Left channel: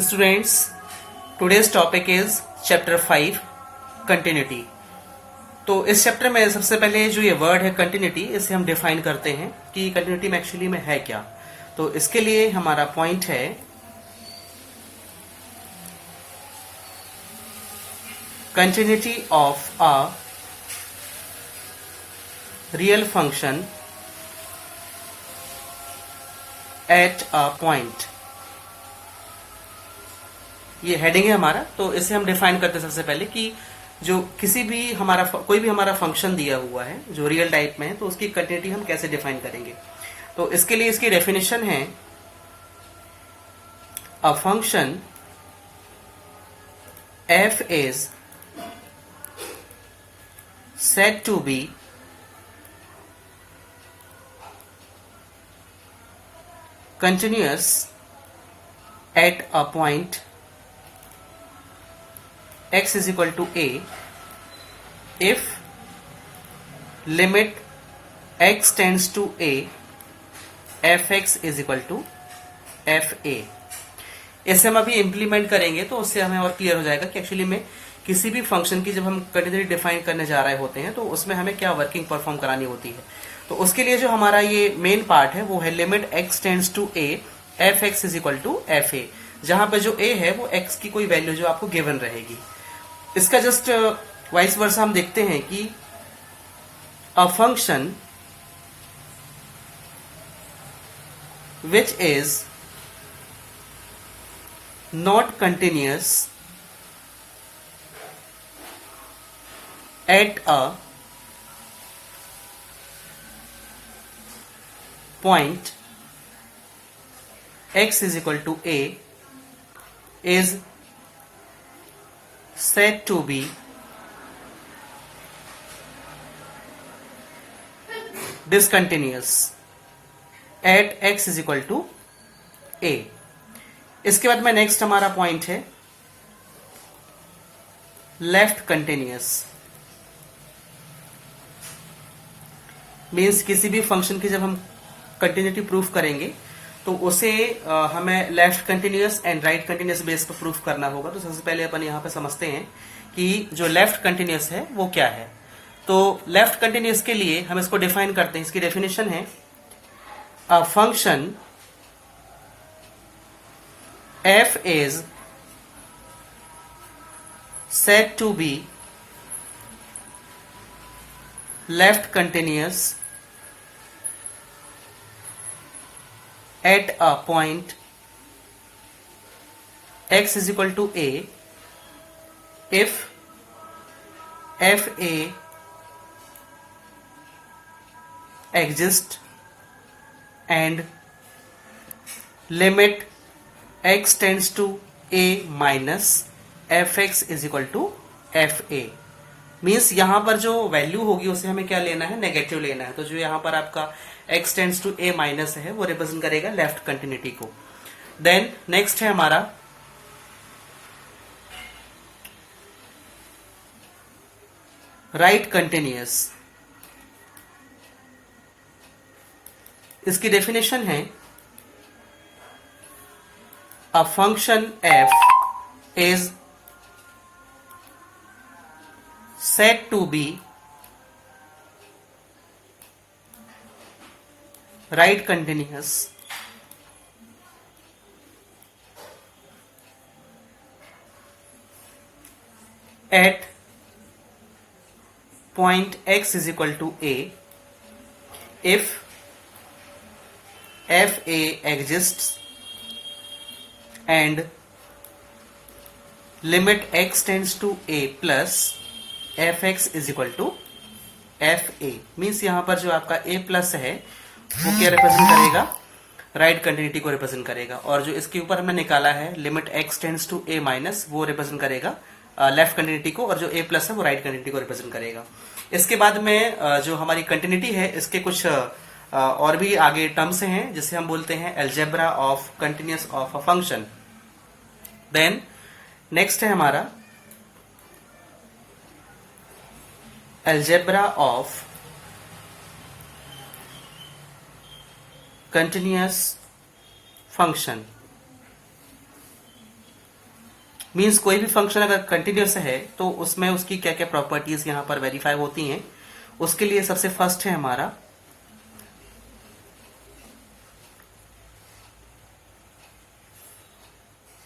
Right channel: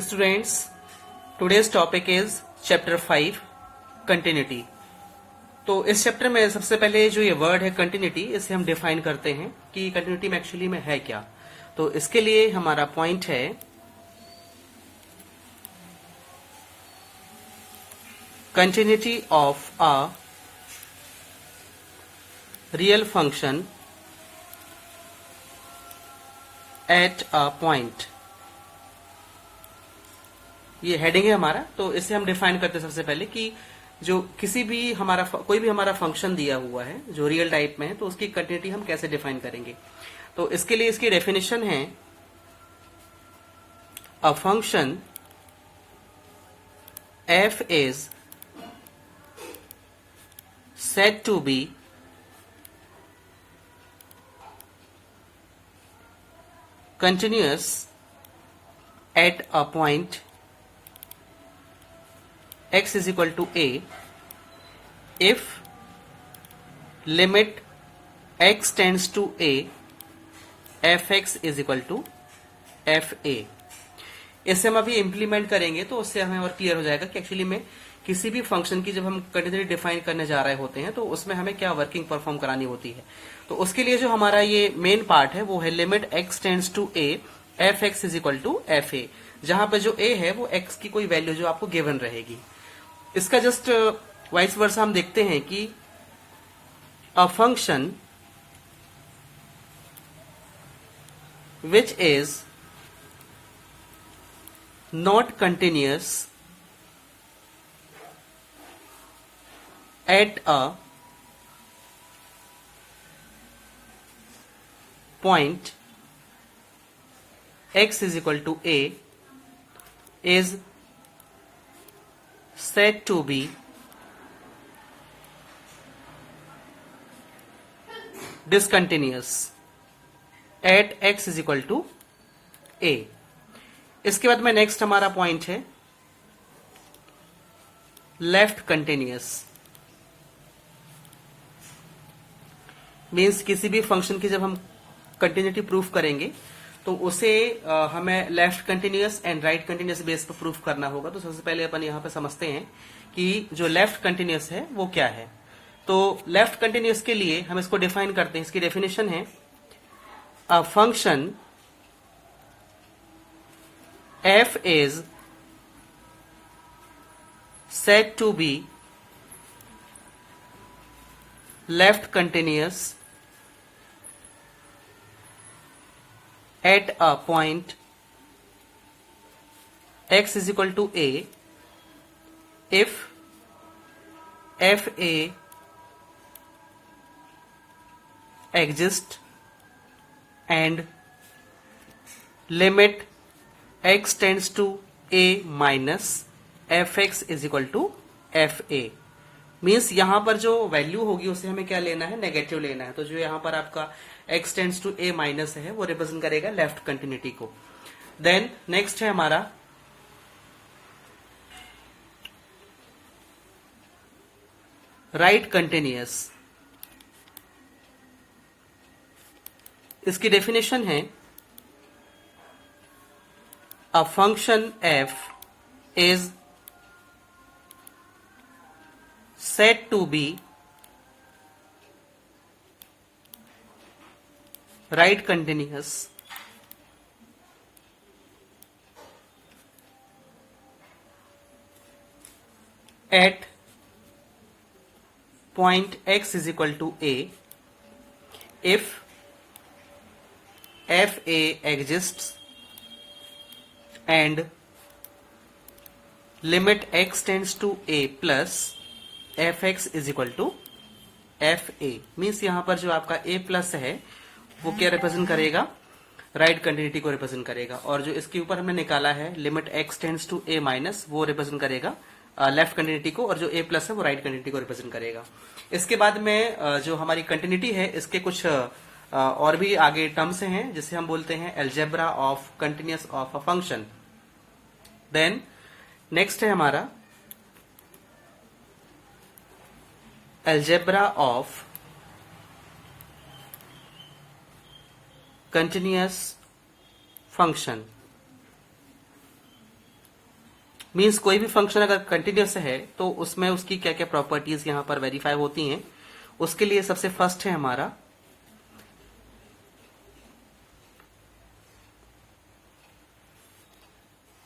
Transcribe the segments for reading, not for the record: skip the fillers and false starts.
Students, today's topic is chapter 5 continuity. तो इस chapter में सबसे पहले जो ये वर्ड है कंटिन्यूटी, इसे हम डिफाइन करते हैं कि कंटिन्यूटी में एक्चुअली में है क्या। तो इसके लिए हमारा पॉइंट है continuity of a real function at a point. ये हेडिंग है हमारा। तो इसे हम डिफाइन करते हैं सबसे पहले कि जो किसी भी कोई भी हमारा फंक्शन दिया हुआ है जो रियल टाइप में है, तो उसकी कंटिन्यूटी हम कैसे डिफाइन करेंगे। तो इसके लिए इसकी डेफिनेशन है a function f is said to be continuous at a point x is equal to a if limit x tends to a fx is equal to fa। इसे हम अभी इम्प्लीमेंट करेंगे तो उससे हमें और क्लियर हो जाएगा कि एक्चुअली में किसी भी फंक्शन की जब हम कंटिन्यूटी डिफाइन करने जा रहे होते हैं तो उसमें हमें क्या वर्किंग परफॉर्म करानी होती है। तो उसके लिए जो हमारा ये मेन पार्ट है वो है limit x tends to a fx is equal to fa, जहां पे जो a है वो x की कोई वैल्यू जो आपको गिवन रहेगी। इसका जस्ट वाइस वर्सा हम देखते हैं कि a function which is not continuous at a point x is equal to a is said to be discontinuous at x is equal to a। इसके बाद में नेक्स्ट हमारा पॉइंट है लेफ्ट कंटिन्यूअस। मीन्स किसी भी फंक्शन की जब हम कंटिन्यूटी प्रूफ करेंगे तो उसे हमें left continuous and right continuous base पर प्रूफ करना होगा। तो सबसे पहले अपन यहाँ पे समझते हैं कि जो लेफ्ट कंटिन्यूअस है वो क्या है। तो लेफ्ट कंटिन्यूअस के लिए हम इसको डिफाइन करते हैं। इसकी डेफिनेशन है a function f is said to be left continuous at a point x is equal to a if fa exists and limit x tends to a minus fx is equal to fa। Means यहां पर जो value होगी उसे हमें क्या लेना है, negative लेना है। तो जो यहां पर आपका x tends to a minus है वो रिप्रेजेंट करेगा लेफ्ट कंटिन्यूटी को। देन नेक्स्ट है हमारा राइट कंटिन्यूअस। इसकी डेफिनेशन है a function f is said to be right continuous at point x is equal to a if fa exists and limit x tends to a plus fx is equal to fa। Means यहां पर जो आपका a plus है वो क्या represent करेगा, right continuity को represent करेगा। और जो इसके ऊपर हमने निकाला है limit x tends to a minus वो रिप्रेजेंट करेगा लेफ्ट कंटिन्यूटी को, और जो a प्लस है वो राइट कंटिन्यूटी को रिप्रेजेंट करेगा। इसके बाद में जो हमारी कंटिन्यूटी है इसके कुछ और भी आगे टर्म्स हैं जिसे हम बोलते हैं algebra of continuous of a function. Then next है हमारा algebra of continuous function। Means कोई भी फंक्शन अगर कंटिन्यूस है तो उसमें उसकी क्या क्या प्रॉपर्टीज यहां पर वेरीफाई होती हैं। उसके लिए सबसे फर्स्ट है हमारा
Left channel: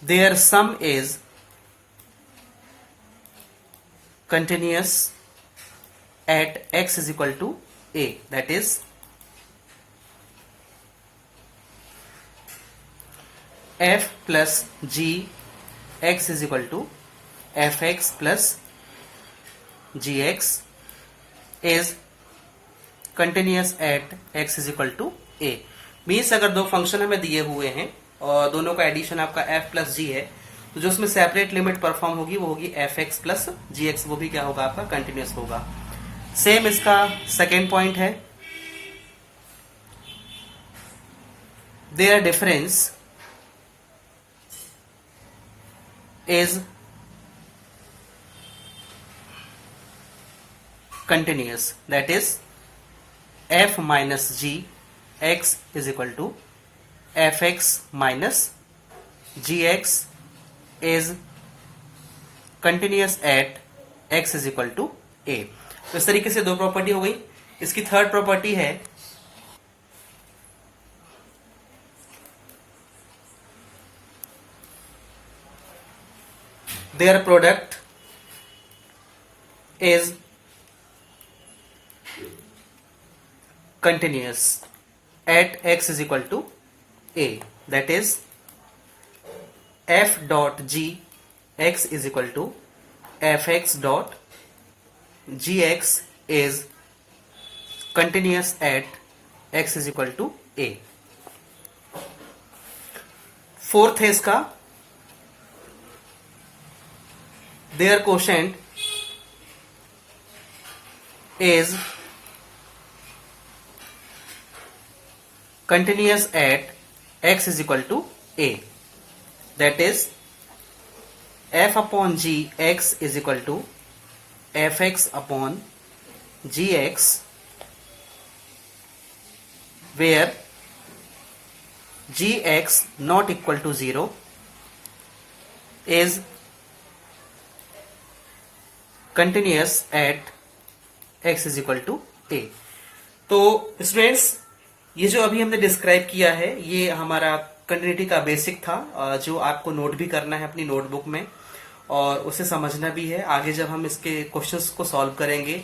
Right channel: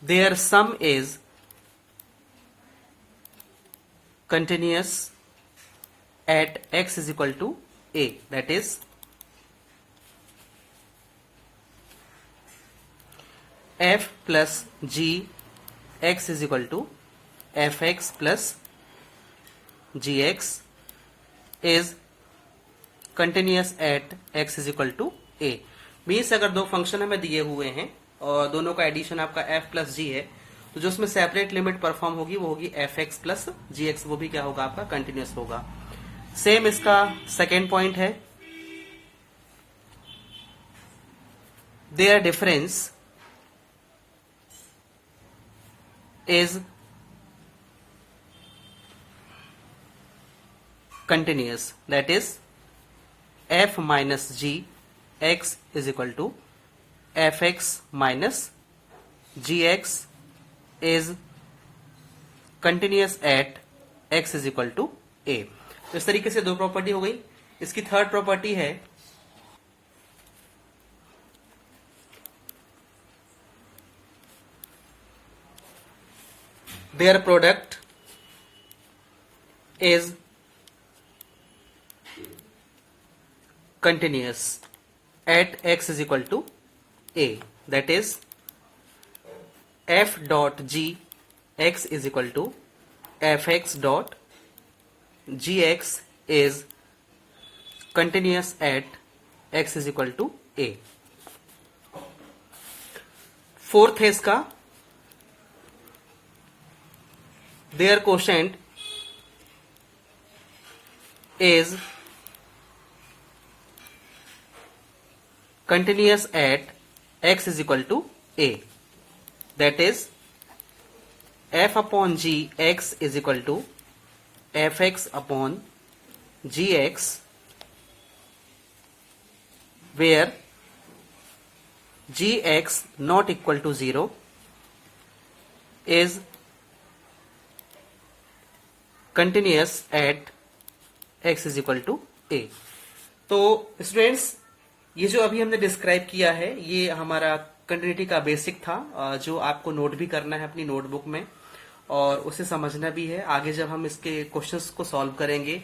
their sum is continuous at x is equal to a, that is f plus g x is equal to fx plus gx is continuous at x is equal to a। Means अगर दो function हमें दिए हुए हैं और दोनों का addition आपका f प्लस g है, तो जो उसमें सेपरेट लिमिट परफॉर्म होगी वो होगी F X plus G X, वो भी क्या होगा आपका कंटिन्यूस होगा। सेम इसका सेकेंड पॉइंट है their difference is continuous, that is F minus G X is equal to F X minus G X is continuous at x is equal to a। तो इस तरीके से दो प्रॉपर्टी हो गई। इसकी थर्ड प्रॉपर्टी है their product is continuous at x is equal to a, that is f dot g x is equal to fx dot gx is continuous at x is equal to a। Fourth है इसका their quotient is continuous at x is equal to a, that is f upon g x is equal to fx upon gx, where gx not equal to 0 is continuous at x is equal to a। तो students ये जो अभी हमने describe किया है ये हमारा continuity का बेसिक था, जो आपको नोट भी करना है अपनी नोटबुक में और उसे समझना भी है। आगे जब हम इसके क्वेश्चंस को सॉल्व करेंगे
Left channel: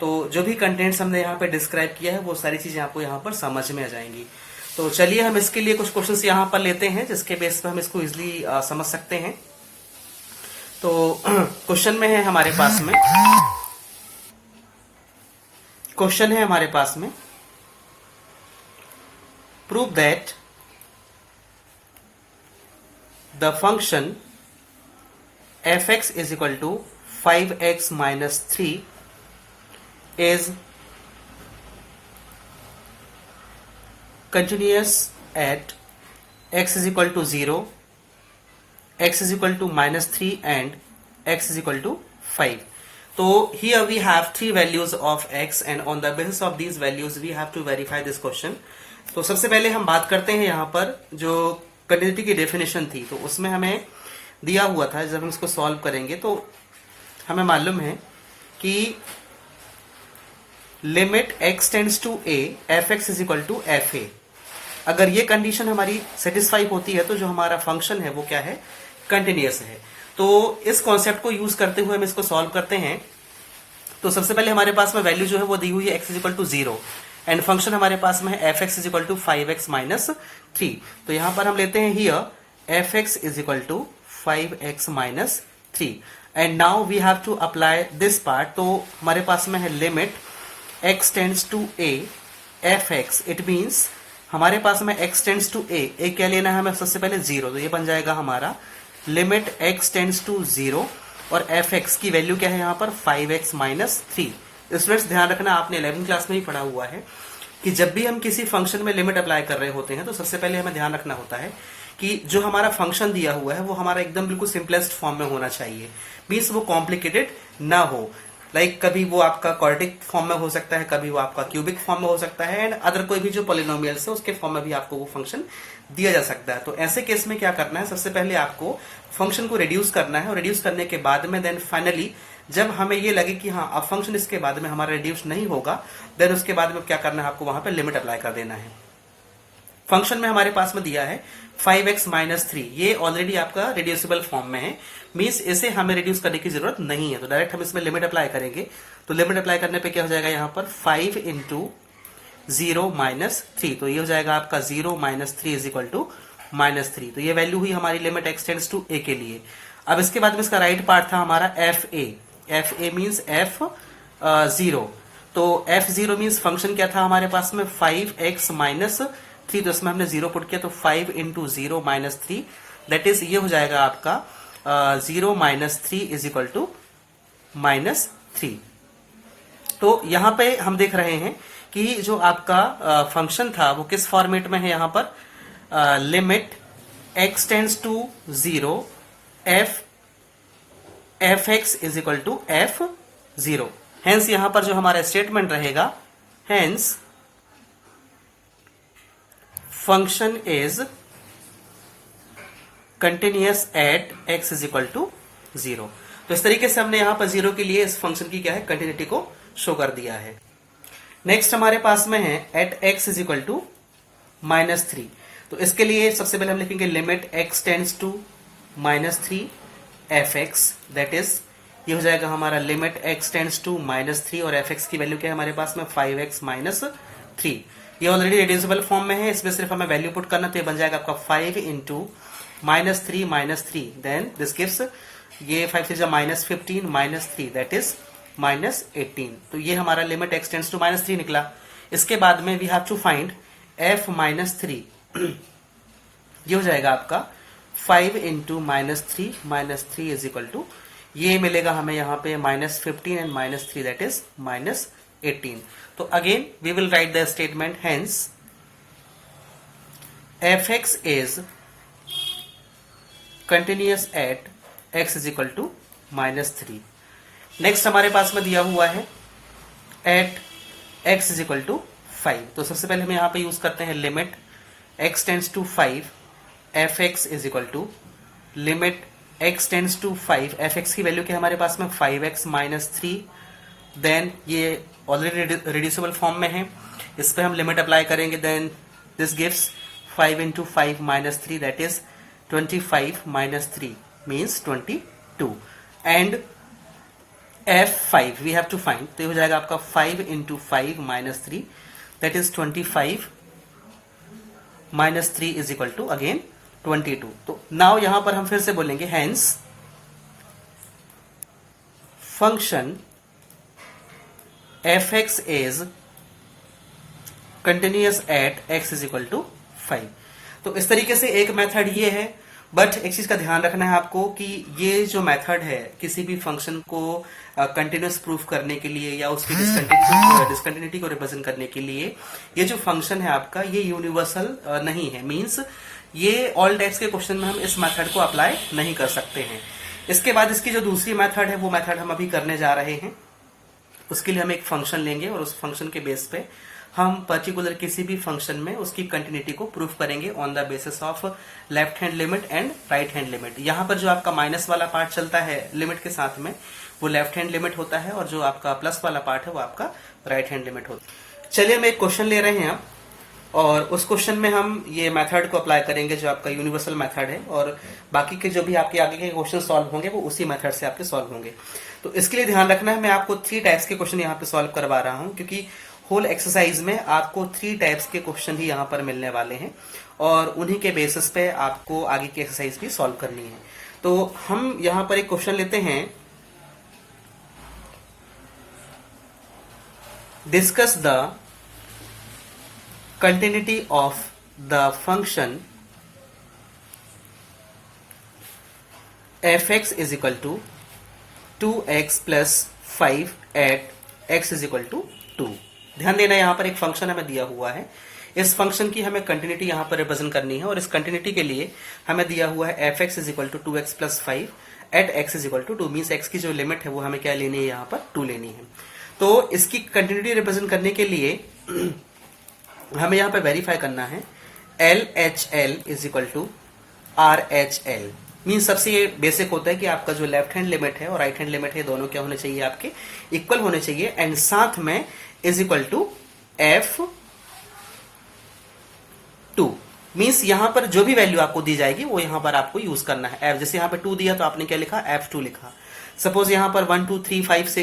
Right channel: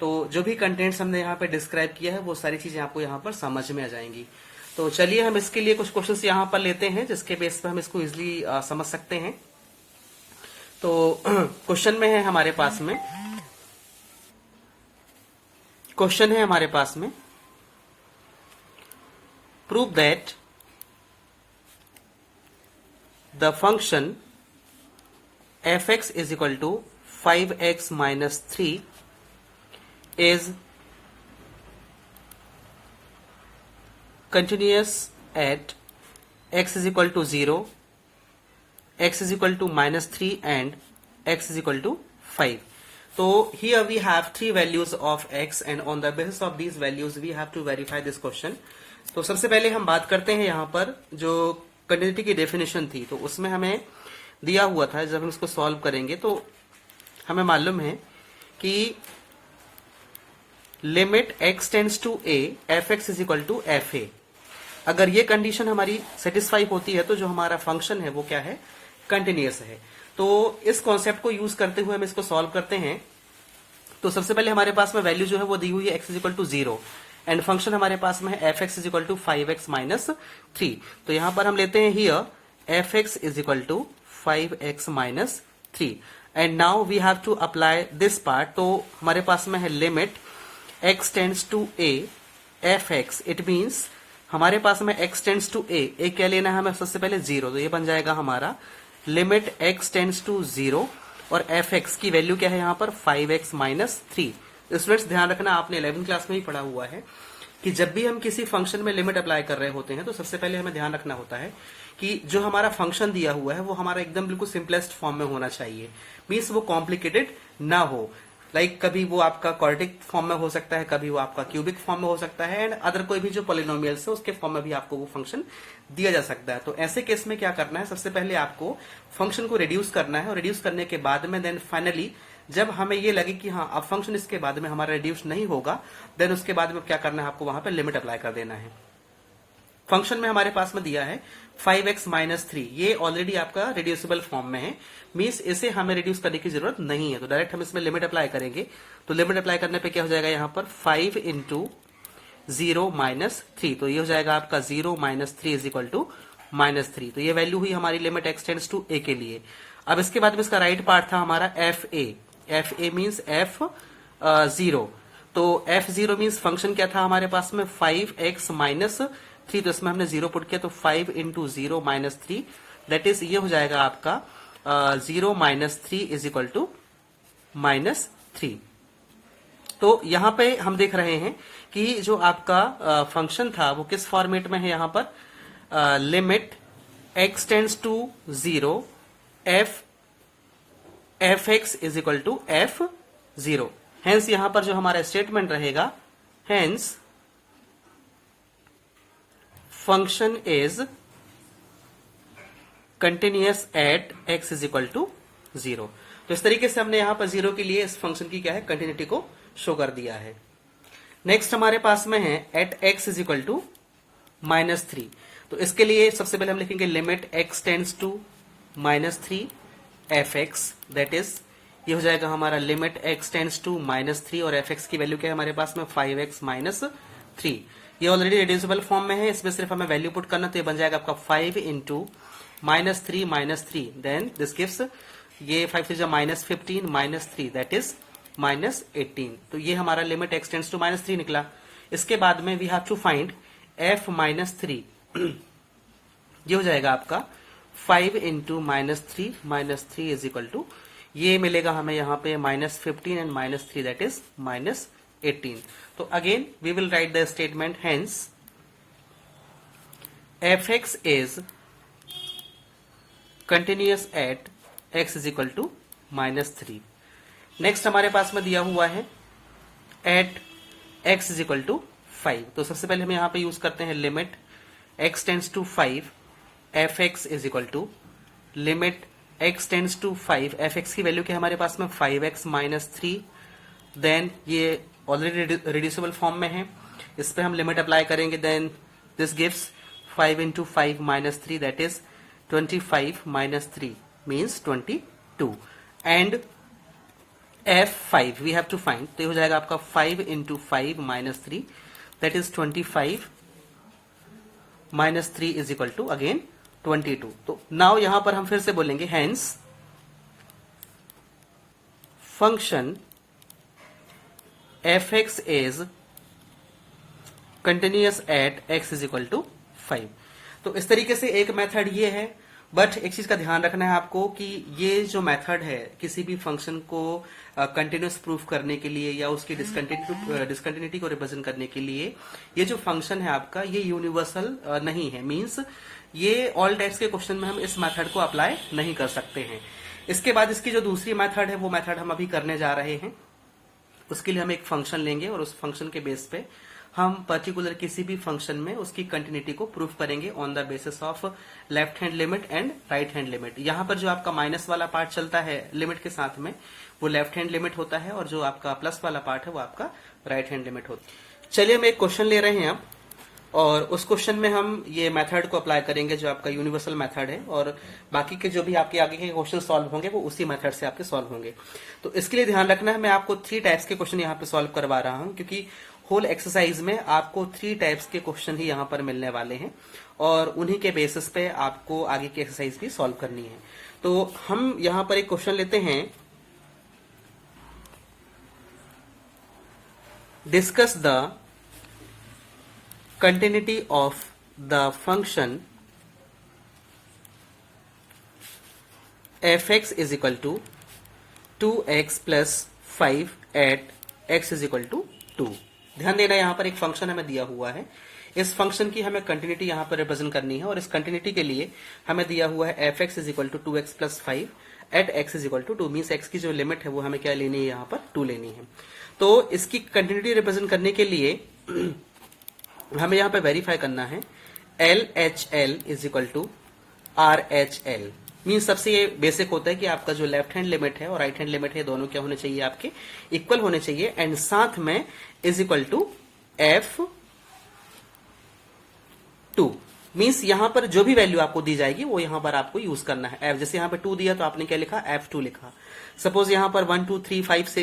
तो जो भी कंटेंट्स हमने यहाँ पे डिस्क्राइब किया है वो सारी चीजें आपको यहाँ पर समझ में आ जाएंगी। तो चलिए हम इसके लिए कुछ क्वेश्चंस यहाँ पर लेते हैं जिसके बेस पर हम इसको इजिली समझ सकते हैं। तो क्वेश्चन में है हमारे पास में, क्वेश्चन है हमारे पास में prove that the function fx is equal to 5x minus 3 is continuous at x is equal to 0, x is equal to minus 3 and x is equal to 5। So here we have three values of x and on the basis of these values we have to verify this question। तो सबसे पहले हम बात करते हैं यहाँ पर जो कंटिन्यूटी की डेफिनेशन थी, तो उसमें हमें दिया हुआ था जब हम इसको सॉल्व करेंगे तो हमें मालूम है कि limit x tends to a fx is equal to fa। अगर ये कंडीशन हमारी सेटिस्फाई होती है तो जो हमारा फंक्शन है वो क्या है, कंटिन्यूअस है। तो इस कॉन्सेप्ट को यूज करते हुए हम इसको सॉल्व करते हैं। तो सबसे पहले हमारे पास में वैल्यू जो है वो दी हुई है x is equal to 0 and function हमारे पास में है fx is equal to 5x minus 3। तो यहां पर हम लेते हैं here fx is equal to 5x minus 3 and now we have to apply this part. तो हमारे पास में है limit x tends to a fx, it means हमारे पास में x टेंड्स टू a क्या लेना है हमें सबसे पहले 0, तो ये बन जाएगा हमारा लिमिट x टेंड्स टू 0 और fx की वैल्यू क्या है यहाँ पर 5x माइनस 3। स्टूडेंट्स ध्यान रखना, आपने 11वीं क्लास में ही पढ़ा हुआ है कि जब भी हम किसी फंक्शन में लिमिट अप्लाई कर रहे होते हैं तो सबसे पहले हमें ध्यान रखना होता है कि जो हमारा फंक्शन दिया हुआ है वो हमारा एकदम बिल्कुल सिंपलेस्ट फॉर्म में होना चाहिए, मीन्स वो कॉम्प्लिकेटेड ना हो। लाइक कभी वो आपका क्वाड्रेटिक फॉर्म में हो सकता है, कभी वो आपका क्यूबिक फॉर्म में हो सकता है, एंड अदर कोई भी जो पॉलिनोमियल्स है उसके फॉर्म में भी आपको वो फंक्शन दिया जा सकता है। तो ऐसे केस में क्या करना है, सबसे पहले आपको फंक्शन को रिड्यूस करना है, और रिड्यूस करने के बाद में देन फाइनली जब हमें ये लगे कि हाँ अब फंक्शन इसके बाद में हमारा रिड्यूस नहीं होगा, देन उसके बाद में क्या करना है, आपको वहां पे लिमिट अप्लाई कर देना है। फंक्शन में हमारे पास में दिया है 5x माइनस 3, ये ऑलरेडी आपका रिड्यूसिबल फॉर्म में है, मींस इसे हमें रिड्यूस करने की जरूरत नहीं है, तो डायरेक्ट हम इसमें लिमिट अप्लाई करेंगे। तो लिमिट अप्लाई करने पे क्या हो जाएगा, यहाँ पर 5 इंटू 0 माइनस 3, तो ये हो जाएगा आपका 0 minus 3 is equal to minus 3। तो ये वैल्यू हुई हमारी limit x tends to a के लिए। अब इसके बाद में इसका राइट पार्ट था हमारा fa मीन्स f0, तो f0 मीन्स फंक्शन क्या था हमारे पास में 5x माइनस 3, तो इसमें हमने 0 पुट किया, तो 5 इंटू 0 माइनस 3, दैट इज ये हो जाएगा आपका 0 minus 3 is equal to minus 3। तो यहाँ पे हम देख रहे हैं कि जो आपका फंक्शन था वो किस फॉर्मेट में है, यहाँ पर limit x tends to 0 f(x) is equal to f(0). Hence यहां पर जो हमारा स्टेटमेंट रहेगा, hence function is continuous at x is equal to 0। तो इस तरीके से हमने यहां पर 0 के लिए इस फंक्शन की क्या है, कंटिन्यूटी को शो कर दिया है। नेक्स्ट हमारे पास में है at x is equal to minus 3, तो इसके लिए सबसे पहले हम लिखेंगे limit x tends to minus 3 fx, that is ये हो जाएगा हमारा limit x tends to minus 3, और fx की वैल्यू क्या है हमारे पास में 5x माइनस 3। ये ऑलरेडी रिड्यूसिबल फॉर्म में है, इसमें सिर्फ हमें वैल्यू पुट करना, तो ये बन जाएगा आपका 5 into minus 3 minus 3, then this gives ये 5 से minus 15 minus 3, that is minus 18। तो ये हमारा limit x tends to minus 3 निकला। इसके बाद में we have to find f minus 3, ये हो जाएगा आपका 5 into minus 3 is equal to, ये मिलेगा हमें यहाँ पे minus 15 and minus 3, that is minus 18। तो again we will write the statement, hence fx is continuous at x is equal to minus 3। Next हमारे पास में दिया हुआ है at x is equal to 5, तो सबसे पहले हम यहाँ पे यूज करते हैं limit x tends to 5 fx is equal to limit x tends to 5, fx की वैल्यू क्या हमारे पास में 5x माइनस 3, देन ये ऑलरेडी रिड्यूसिबल फॉर्म में है, इस पे हम लिमिट अप्लाई करेंगे, then this gives 5 into 5 minus 3, that is 25 minus 3 means 22, and f5 we have to find, तो ये हो जाएगा आपका 5 into 5 minus 3, that is 25 minus 3 is equal to again 22। तो नाउ यहां पर हम फिर से बोलेंगे, hence function fx is continuous at x is equal to 5। तो इस तरीके से एक मेथड ये है, बट एक चीज का ध्यान रखना है आपको कि ये जो मेथड है किसी भी फंक्शन को कंटिन्यूअस प्रूफ करने के लिए या उसकी डिसकंटिन्यूटी को रिप्रेजेंट करने के लिए, ये जो फंक्शन है आपका ये यूनिवर्सल नहीं है, मींस ये ऑल टाइप्स के क्वेश्चन में हम इस मेथड को अप्लाई नहीं कर सकते हैं। इसके बाद इसकी जो दूसरी मेथड है वो मेथड हम अभी करने जा रहे हैं। उसके लिए हम एक फंक्शन लेंगे और उस फंक्शन के बेस पे हम पर्टिकुलर किसी भी फंक्शन में उसकी कंटिन्यूटी को प्रूफ करेंगे on the basis of left hand limit and right hand limit. यहाँ पर जो आपका माइनस वाला पार्ट चलता है लिमिट के साथ में वो लेफ्ट हैंड लिमिट होता है, और जो आपका प्लस वाला पार्ट है वो आपका राइट हैंड लिमिट होता है। चलिए हम एक क्वेश्चन ले रहे हैं अब, और उस क्वेश्चन में हम ये मेथड को अप्लाई करेंगे जो आपका यूनिवर्सल मेथड है, और बाकी के जो भी आपके आगे के क्वेश्चन सॉल्व होंगे वो उसी मेथड से आपके सॉल्व होंगे। तो इसके लिए ध्यान रखना है, मैं आपको 3 टाइप्स के क्वेश्चन यहाँ पे सॉल्व करवा रहा हूँ, क्योंकि होल एक्सरसाइज में आपको 3 टाइप्स के क्वेश्चन ही यहाँ पर मिलने वाले हैं, और उन्हीं के बेसिस पे आपको आगे की एक्सरसाइज भी सॉल्व करनी है। तो हम यहाँ पर एक क्वेश्चन लेते हैं, discuss the continuity of the function fx is equal to 2x plus 5 at x is equal to 2। ध्यान देना, यहाँ पर एक फंक्शन हमें दिया हुआ है, इस फंक्शन की हमें कंटिन्यूटी यहाँ पर रिप्रेजेंट करनी है और इस कंटिन्यूटी के लिए हमें दिया हुआ है F X is equal to 2x plus 5 at X is equal to 2 means X की जो लिमिट है वो हमें क्या लेनी है, यहाँ पर 2 लेनी है। तो इसकी कंटिन्यूटी रिप्रेजेंट करने के लिए हमें यहाँ पे वेरीफाई करना है L H L is equal to R H L. Mean सबसे ये बेसिक होता है कि आपका जो लेफ्ट हैंड लिमिट है और राइट हैंड लिमिट है दोनों क्या होने चाहिए, आपके इक्वल होने चाहिए एंड साथ में इज इक्वल टू एफ 2। मीन्स यहां पर जो भी वैल्यू आपको दी जाएगी वो यहां पर आपको यूज करना है। एफ जैसे यहां पर 2 दिया तो आपने क्या लिखा, F2 लिखा। सपोज यहां पर 1 2 3 5 से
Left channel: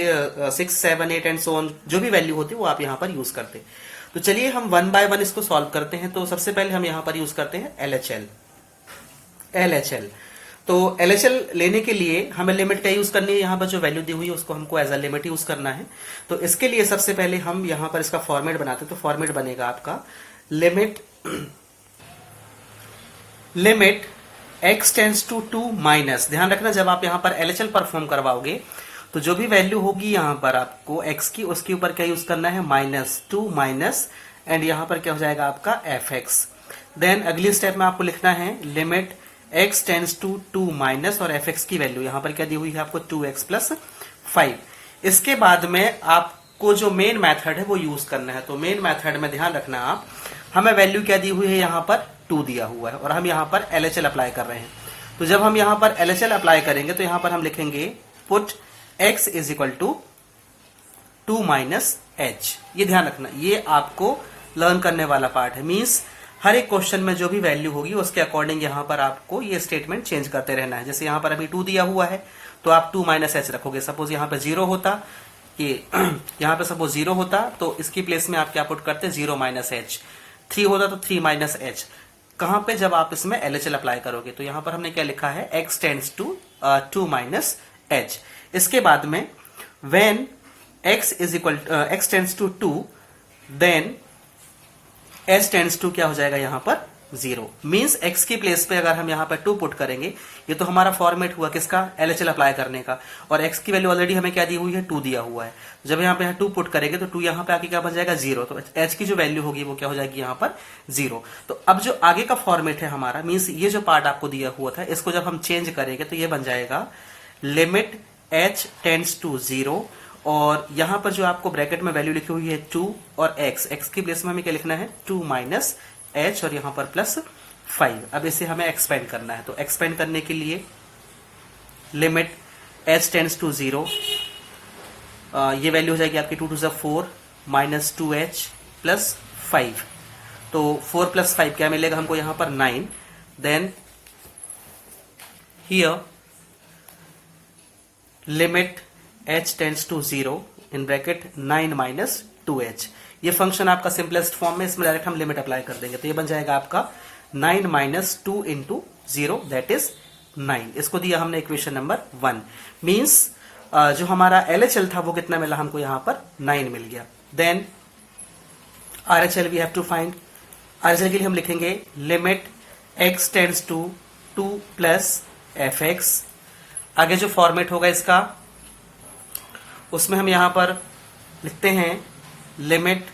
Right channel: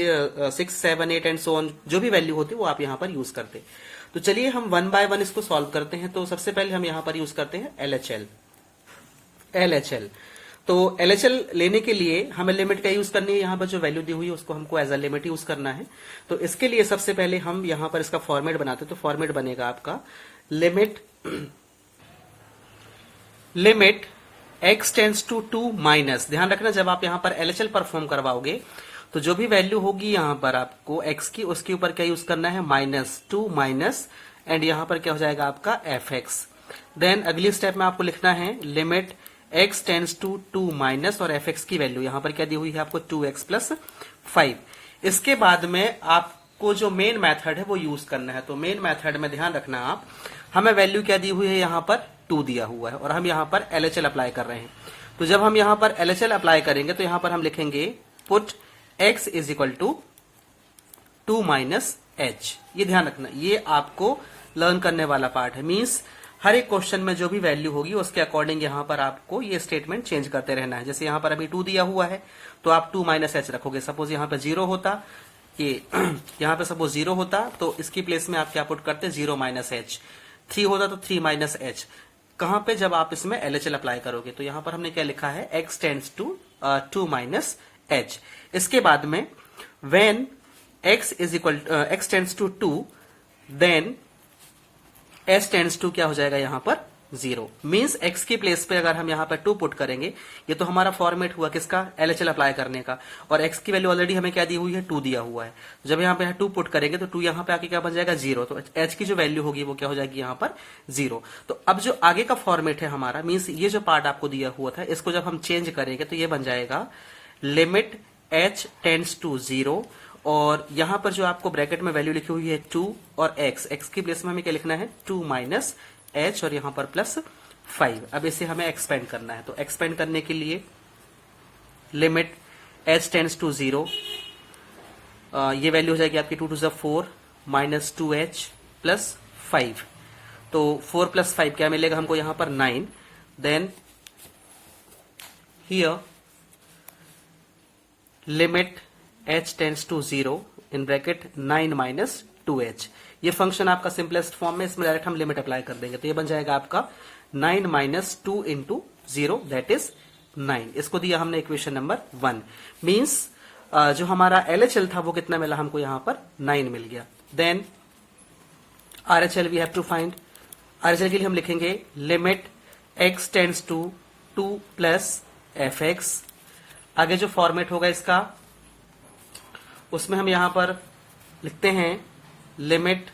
6 7 8 एंड सो ऑन जो भी वैल्यू होती है वो आप यहां पर यूज करते। तो चलिए हम 1 बाय 1 इसको सॉल्व करते हैं। तो सबसे पहले हम यहां पर यूज करते हैं LHL। तो LHL लेने के लिए हमें लिमिट क्या यूज करनी है, यहाँ पर जो वैल्यू दी हुई है उसको हमको एज अ लिमिट यूज करना है। तो इसके लिए सबसे पहले हम यहाँ पर इसका फॉर्मेट बनाते हैं। तो फॉर्मेट बनेगा आपका limit x tends to 2 minus, ध्यान रखना जब आप यहाँ पर LHL परफॉर्म करवाओगे तो जो भी वैल्यू होगी यहाँ पर आपको x की, उसके ऊपर क्या यूज करना है, -2 माइनस एंड यहाँ पर क्या हो जाएगा आपका fx। देन अगली स्टेप में आपको लिखना है limit x tends to 2 minus और fx की वैल्यू यहाँ पर क्या दी हुई है आपको 2x प्लस 5। इसके बाद में आपको जो मेन मेथड है वो यूज करना है। तो मेन मेथड में ध्यान रखना आप, हमें वैल्यू क्या दी हुई है, यहाँ पर 2 दिया हुआ है और हम यहाँ पर LHL अप्लाई कर रहे हैं। तो जब हम यहाँ पर LHL अप्लाई करेंगे तो यहाँ पर हम लिखेंगे put x is equal to 2 minus h। ये ध्यान रखना, ये आपको लर्न करने वाला पार्ट है। मीन्स हर एक क्वेश्चन में जो भी वैल्यू होगी उसके अकॉर्डिंग यहाँ पर आपको ये स्टेटमेंट चेंज करते रहना है। जैसे यहाँ पर अभी 2 दिया हुआ है तो आप 2 माइनस एच रखोगे। सपोज यहाँ पर 0 होता, ये यहाँ पे सपोज 0 होता तो इसकी प्लेस में आप क्या पुट करते, 0 माइनस एच। 3 होता तो 3 माइनस एच। कहां पे, जब आप इसमें LHL अप्लाई करोगे। तो यहाँ पर हमने क्या लिखा है, x tends to 2 minus h। इसके बाद में when x tends to 2 then h tends to क्या हो जाएगा यहाँ पर 0। मीन्स x की प्लेस पे अगर हम यहाँ पर 2 पुट करेंगे, ये तो हमारा फॉर्मेट हुआ किसका, LHL अप्लाई करने का, और x की वैल्यू ऑलरेडी हमें क्या दी हुई है, 2 दिया हुआ है। जब यहाँ पे 2 पुट करेंगे तो 2 यहाँ पे आके क्या बन जाएगा 0। तो h की जो वैल्यू होगी वो क्या हो जाएगी यहाँ पर 0। तो अब जो आगे का फॉर्मेट है हमारा, मीन्स ये जो पार्ट आपको दिया हुआ था इसको जब हम चेंज करेंगे तो ये बन जाएगा लिमिट h टेंड्स टू 0 और यहाँ पर जो आपको ब्रैकेट में वैल्यू लिखी हुई है 2 और x की प्लेस में हमें क्या लिखना है 2 माइनस h और यहाँ पर प्लस 5। अब इसे हमें एक्सपेंड करना है। तो एक्सपेंड करने के लिए लिमिट h टेंड्स टू 0, ये वैल्यू हो जाएगी आपकी 2 टू 4 माइनस 2h प्लस 5। तो 4 प्लस 5 क्या मिलेगा हमको यहाँ पर 9। Then here limit h tends to 0 in bracket 9 minus 2h। ये फंक्शन आपका सिंपलेस्ट फॉर्म में, इसमें डायरेक्ट हम लिमिट अप्लाई कर देंगे। तो ये बन जाएगा आपका 9 माइनस 2 इंटू 0 दैट इज 9। इसको दिया हमने इक्वेशन नंबर 1। मीन्स जो हमारा LHL था वो कितना मिला हमको, यहाँ पर 9 मिल गया। Then RHL we have to find. RHL के लिए हम लिखेंगे limit x tends to 2 plus fx। आगे जो फॉर्मेट होगा इसका, उसमें हम यहां पर लिखते हैं limit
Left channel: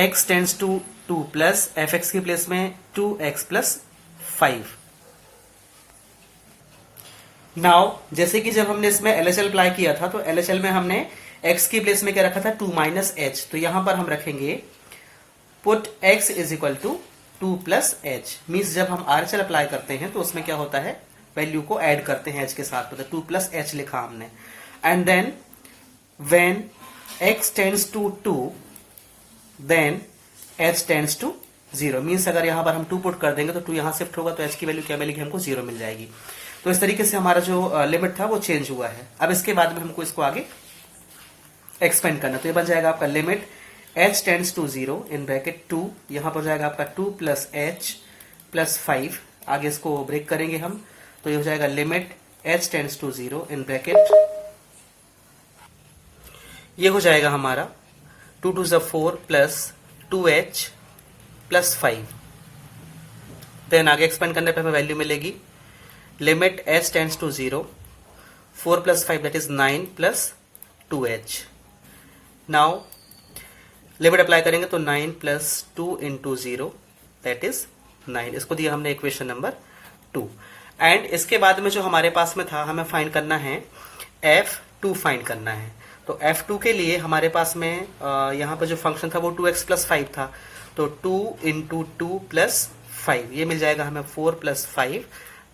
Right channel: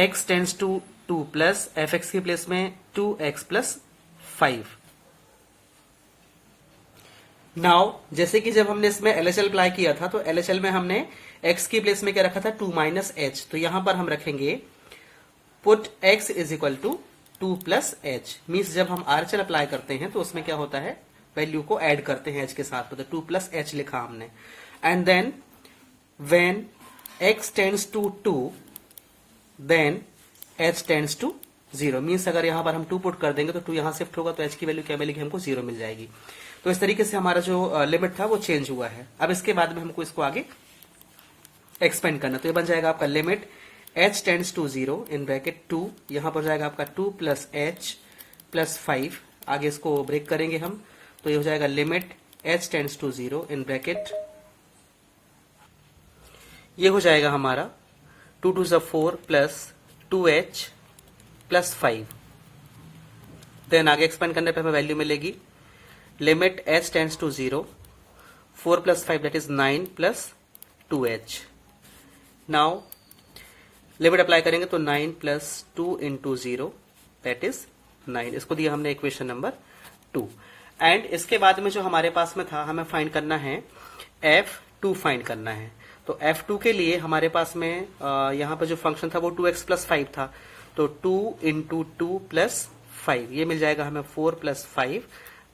x tends to 2 plus fx की प्लेस में 2x प्लस 5। नाउ जैसे कि जब हमने इसमें LHL अप्लाई किया था तो LHL में हमने x की प्लेस में क्या रखा था 2 माइनस h। तो यहां पर हम रखेंगे put x is equal to 2 plus h। Means जब हम RHL अप्लाई करते हैं तो उसमें क्या होता है, वैल्यू को ऐड करते हैं h के साथ। मतलब 2 प्लस h लिखा हमने। And then when x tends to 2 then h tends to 0। Means अगर यहाँ पर हम 2 पुट कर देंगे तो 2 यहाँ शिफ्ट होगा तो h की वैल्यू क्या मिलेगी हमको 0 मिल जाएगी। तो इस तरीके से हमारा जो लिमिट था वो चेंज हुआ है। अब इसके बाद में हमको इसको आगे एक्सपेंड करना। तो ये बन जाएगा आपका limit h tends to 0 in bracket 2, यहाँ पर जाएगा आपका 2 प्लस h प्लस 5। आगे इसको ब्रेक करेंगे हम तो ये हो जाएगा limit h tends to 0 in bracket, ये हो जाएगा हमारा 2 to 4 plus 2h plus 5। Then आगे एक्सपेंड करने पे हमें वैल्यू मिलेगी limit h tends to 0 4 plus 5 that is 9 plus 2h। Now limit apply करेंगे तो 9 प्लस 2 इंटू 0 दैट इज 9, इसको दिया हमने इक्वेशन नंबर 2। एंड इसके बाद में जो हमारे पास में था, हमें फाइंड करना है f2 फाइंड करना है। तो f2 के लिए हमारे पास में यहाँ पर जो फंक्शन था वो 2x प्लस 5 था, तो 2 इंटू 2 प्लस 5 ये मिल जाएगा हमें 4 प्लस 5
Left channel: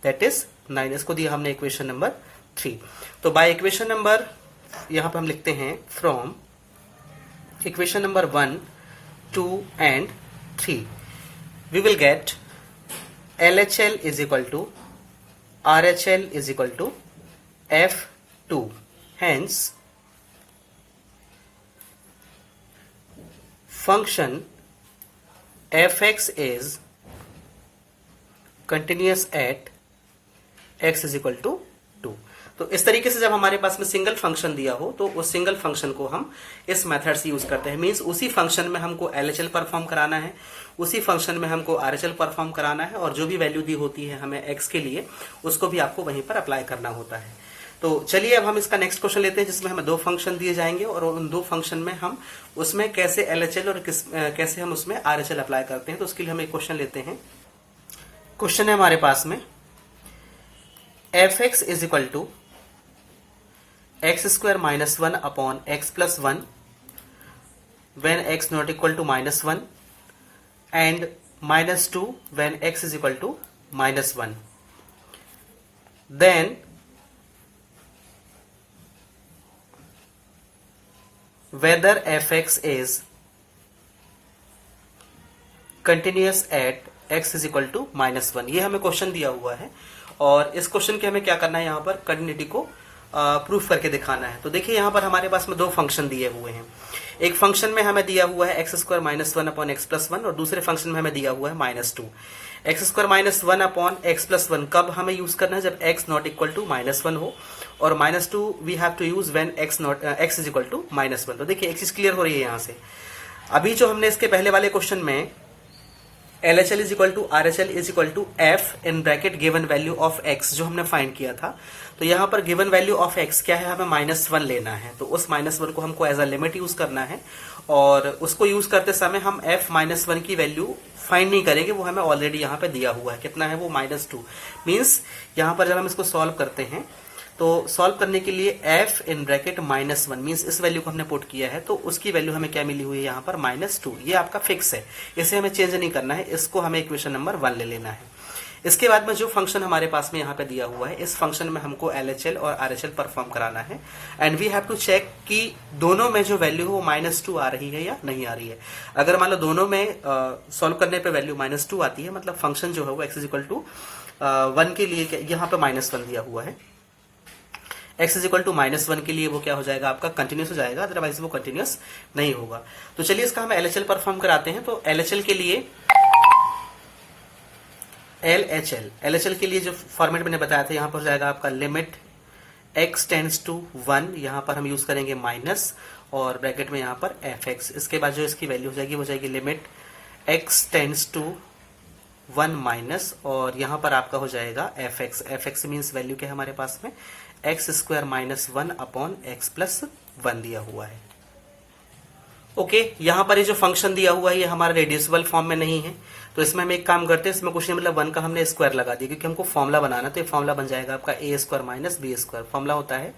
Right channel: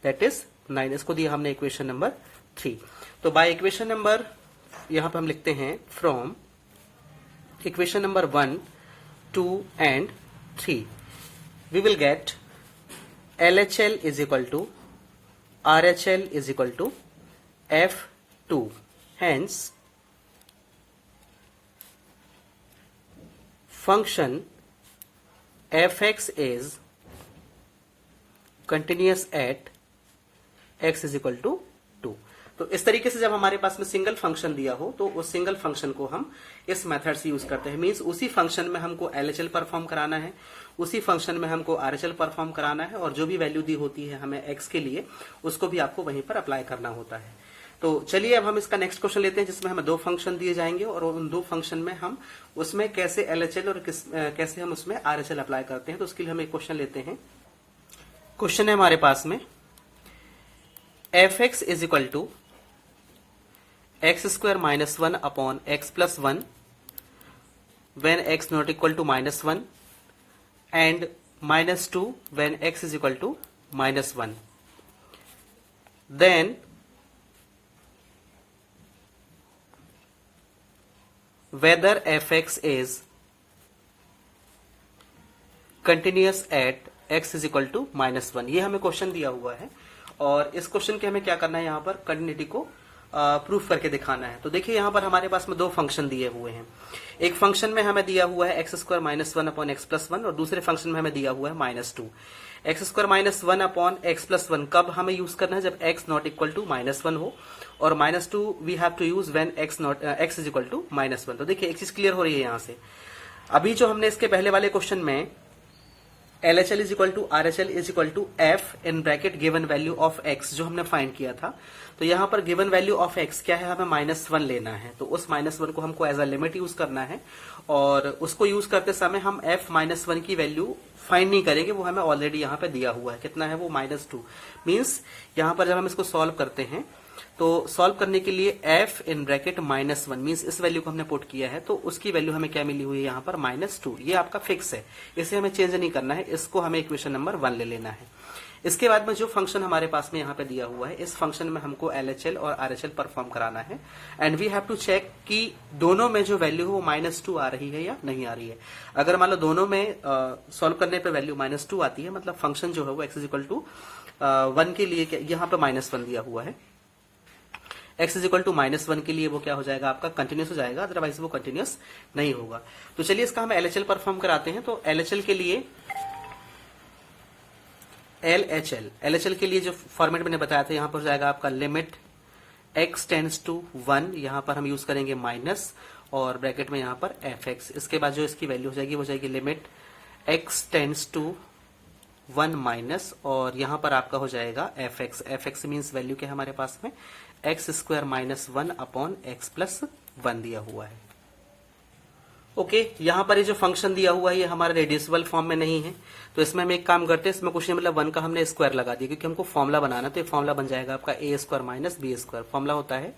दैट इज 9, इसको दिया हमने इक्वेशन नंबर 3। तो बाय इक्वेशन नंबर यहाँ पर हम लिखते हैं from equation number 1, 2 and 3 we will get LHL is equal to RHL is equal to F2, hence function fx is continuous at x is equal to 2। तो इस तरीके से जब हमारे पास में सिंगल फंक्शन दिया हो तो उस सिंगल फंक्शन को हम इस मेथड से यूज करते हैं। मींस उसी फंक्शन में हमको LHL परफॉर्म कराना है, उसी फंक्शन में हमको RHL परफॉर्म कराना है, और जो भी वैल्यू दी होती है हमें x के लिए उसको भी आपको वहीं पर अप्लाई करना होता है। तो चलिए अब हम इसका नेक्स्ट क्वेश्चन लेते हैं, जिसमें हमें दो फंक्शन दिए जाएंगे और उन दो फंक्शन में हम उसमें कैसे LHL और कैसे हम उसमें RHL अप्लाई करते हैं। तो उसके लिए हम एक क्वेश्चन लेते हैं। क्वेश्चन है हमारे पास में fx is equal to x squared minus 1 upon x plus 1 when x not equal to minus 1 and minus 2 when x is equal to minus 1. Then whether fx is continuous at x is equal to minus 1, ये हमें question दिया हुआ है और इस question के हमें क्या करना है, यहाँ पर कंटिन्यूटी को प्रूफ करके दिखाना है। तो देखिए यहाँ पर हमारे पास में दो फंक्शन दिए हुए हैं। एक फंक्शन में हमें दिया हुआ है x squared minus 1 upon x plus 1 और दूसरे फंक्शन में हमें दिया हुआ है minus 2। X squared minus 1 upon x plus 1 कब हमें यूज करना है, जब x not equal to minus 1 हो, और minus 2 we have to use when x is equal to minus 1। तो देखिए एक चीज क्लियर हो रही है यहाँ से। अभी जो हमने इसके पहले वाले क्वेश्चन में LHL is equal to RHL is equal to f in bracket given value of x जो हमने फाइंड किया था, तो यहाँ पर गिवन वैल्यू ऑफ x क्या है, हमें माइनस 1 लेना है। तो उस माइनस 1 को हमको एज अ लिमिट यूज करना है और उसको यूज करते समय हम f माइनस 1 की वैल्यू फाइंड नहीं करेंगे, वो हमें ऑलरेडी यहाँ पे दिया हुआ है। कितना है वो, माइनस 2। मीन्स यहाँ पर जब हम इसको सॉल्व करते हैं तो सॉल्व करने के लिए f in bracket minus 1 means इस वैल्यू को हमने पुट किया है, तो उसकी वैल्यू हमें क्या मिली हुई है यहाँ पर, माइनस 2। ये आपका फिक्स है, इसे हमें चेंज नहीं करना है, इसको हमें इक्वेशन नंबर 1 ले लेना है। इसके बाद में जो फंक्शन हमारे पास में यहाँ पे दिया हुआ है, इस फंक्शन में हमको LHL और RHL परफॉर्म कराना है and we have to check कि दोनों में जो वैल्यू है वो माइनस 2 आ रही है या नहीं आ रही है। अगर मान लो दोनों में सॉल्व करने पे वैल्यू माइनस 2 आती है, मतलब फंक्शन जो है वो x इज इक्वल टू 1 के लिए यहाँ पे माइनस 1 दिया हुआ है, x is equal to minus 1 के लिए वो क्या हो जाएगा आपका, कंटिन्यूस हो जाएगा, अदरवाइज वो कंटिन्यूस नहीं होगा। तो चलिए इसका हम LHL परफॉर्म कराते हैं। तो LHL के लिए LHL के लिए जो फॉर्मेट मैंने बताया था, यहाँ पर हो जाएगा आपका लिमिट x टेंड्स टू 1, यहाँ पर हम यूज करेंगे माइनस और ब्रैकेट में यहाँ पर fx। इसके बाद जो इसकी वैल्यू हो जाएगी वो जाएगी limit x tends to 1 minus और यहाँ पर आपका हो जाएगा fx मीन्स वैल्यू क्या है हमारे पास में, x squared minus 1 upon x plus 1 दिया हुआ है। ओके, यहाँ पर ये जो फंक्शन दिया हुआ है ये हमारा रेड्यूसिबल फॉर्म में नहीं है, तो इसमें हम एक काम करते हैं, इसमें कुछ नहीं मतलब 1 का हमने स्क्वायर लगा दिया क्योंकि हमको फॉर्मुला बनाना, तो ये फॉर्मुला बन जाएगा आपका A square minus B square. Formula होता है